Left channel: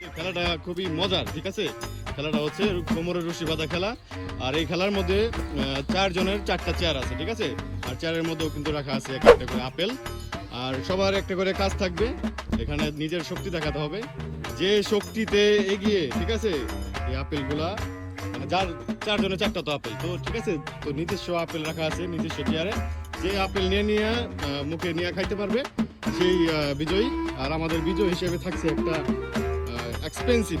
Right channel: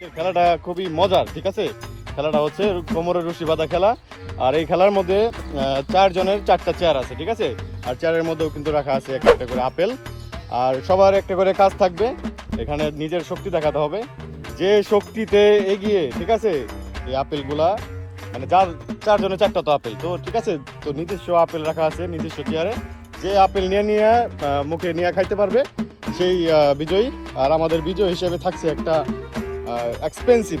খেলাটা খুবই মজার, ঠিক আছে। খেলাটা হচ্ছে কোমরের রশি বাঁধা খেলা। আর এই খেলার মধ্যে 4 জনের 4টা চেয়ার আছে, ঠিক আছে। আর চেয়ারের মধ্যেও কিন্তু রাখা আছে একটা একটা করে আপেল। আর সবার একটা করে কাজ থাকবে, এখানে নিজের শক্তি দেখাতে হবে। যে শক্তিতে এগিয়ে, ঠিক আছে, এই আপেলগুলা মানে যার 4 জনের 4টা তো আপেল তো, ঠিক আছে। তো নিজস্ব আপেল রাখা আছে নিজস্ব চেয়ারে। যে আপেল নিয়ে মুখে নিয়ে খাইতে পারবে সেই বিজয়ী। আর আমাদের বিজয় হিসেবে থাকছে একটা এক্সপেন্সিভ,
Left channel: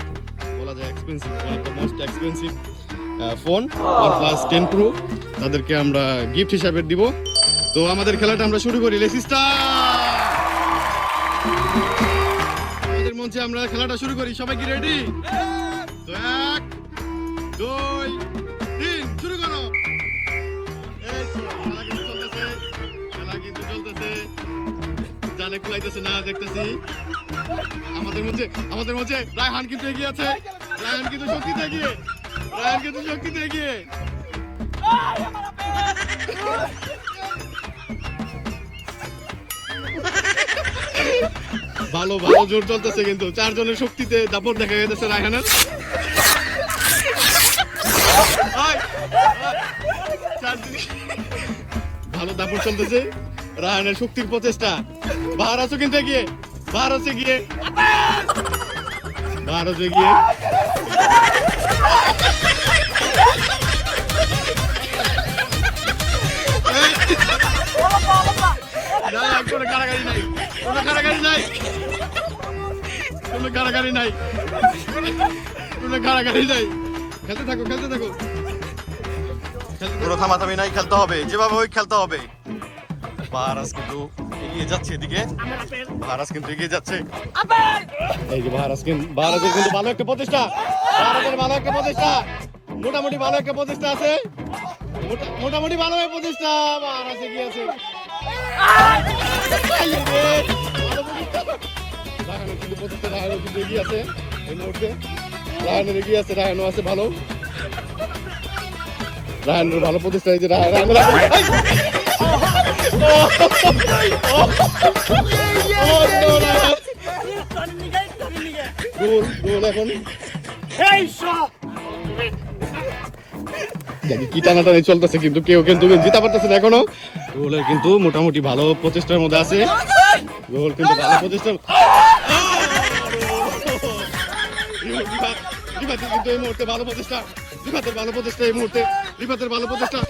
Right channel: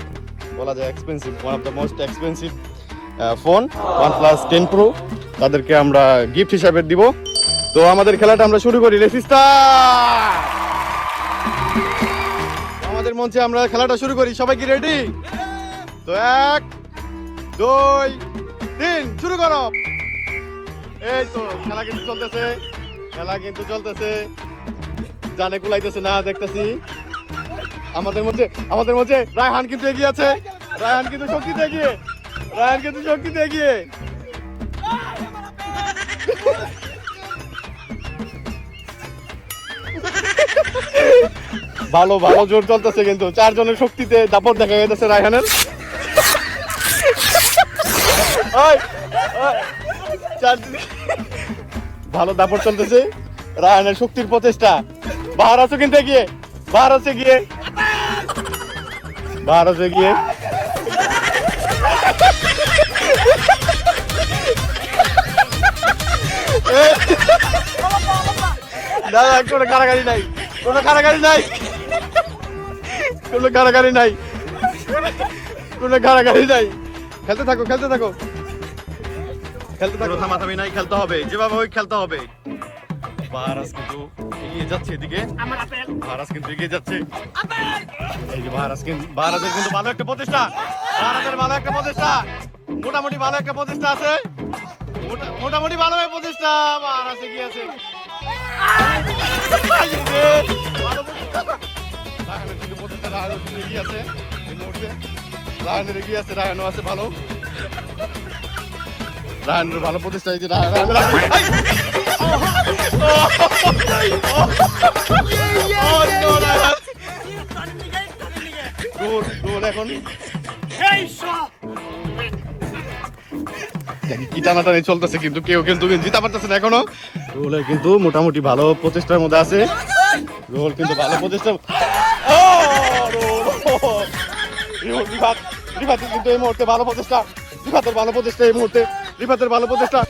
বলা যায় expensive, one of the most expensive phone OnePlus 10 Pro। তাদেরকে আমরা গিফট হিসাবে দিব। তো আমাদের খেলাটা আমরা শুরু করি। লেসিস্টা আমাদের মঞ্চে আমরা খেলাটা শুরু করি। সবাই কি রেডি? তো 1 2 3 শুরু করো। এই তো খেলা কিন্তু চলতেছে, খেলা কিন্তু চলতেছে। জানে কুলাইতেছে না দেখতেছি। আমাদের মধ্যে রায়হান কিন্তু এগিয়ে আছে। রায়হান কিন্তু শক্তিতে এগিয়ে। ভালো জোর চলতেছে কিন্তু 4 জনের শক্তিতে দাপট দেখা যাচ্ছে রায়হানের। ভালো দাপট চলতেছে রায়হানের শক্তির প্রচেষ্টা। বাহার আছে কিন্তু এগিয়ে, বাহার আছে গিয়ে। কোনো কারাগারি নাই। খেলতে থাকো থামাথামি নাই, খেলতে হবে যেভাবে হোক খেলতে হবে। বাহারাজ কিন্তু এগিয়ে যাচ্ছে এদিকে, এই যে বাহারাজের কিন্তু ভালো একটা প্রচেষ্টা, মোটামুটি ভালো একটা প্রচেষ্টা আছে, মোটামুটি ভালো প্রচেষ্টা। বাহারাজ এগিয়ে আছে, রায়হানের কিন্তু প্রচেষ্টা, রায়হানের কিন্তু এগিয়ে আছে এই মুহূর্তে। রায়হানের আছে ভালো, রায়হানের ভালো প্রচেষ্টা। এই যে রায়হানের এখন কি টানাটানি চলতেছে, কিন্তু কেউ কিন্তু জিতা পারতেছে না এখনো। রোলের কিন্তু মোটামুটি ভালো প্রচেষ্টার মধ্যে আছে। রোল কিন্তু ভালো প্রচেষ্টা, রিফাতের কিন্তু এই মুহূর্তে ভালো প্রচেষ্টা, এই মুহূর্তে রিফাতের ভালো প্রচেষ্টা।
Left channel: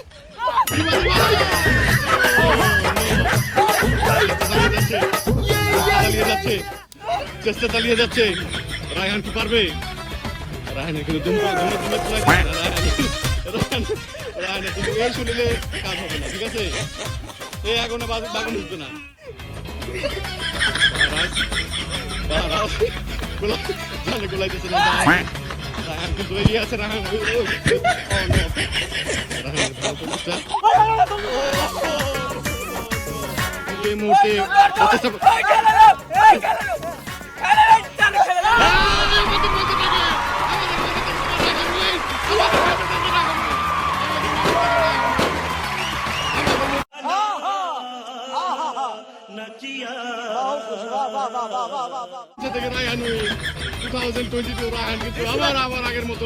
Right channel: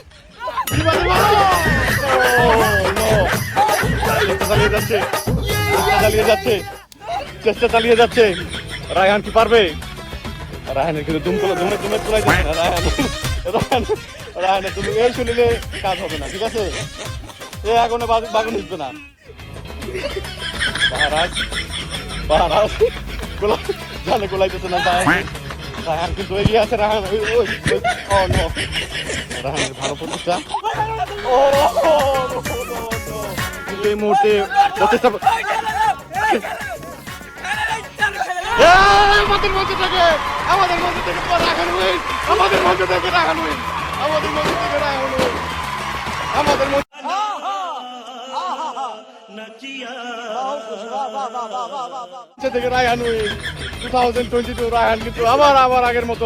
চেষ্টা চালিয়ে যাচ্ছে। রায়হান কি পারবে? রায়হানের কিন্তু রায়হানের কিন্তু এই শুনিলে কাজ হবে না, ঠিক আছে। এ এখনো বাগান উঠবে না। বাহারাজ জানে গোলাইতেছে না। রায়হান কিন্তু এগিয়ে আছে। রায়হানের ভালো প্রচেষ্টা। এই মুহূর্তে প্রচেষ্টা আমাদের মধ্যে থেকে রায়হান 2022 রায়হান কিন্তু আবার আগের মতো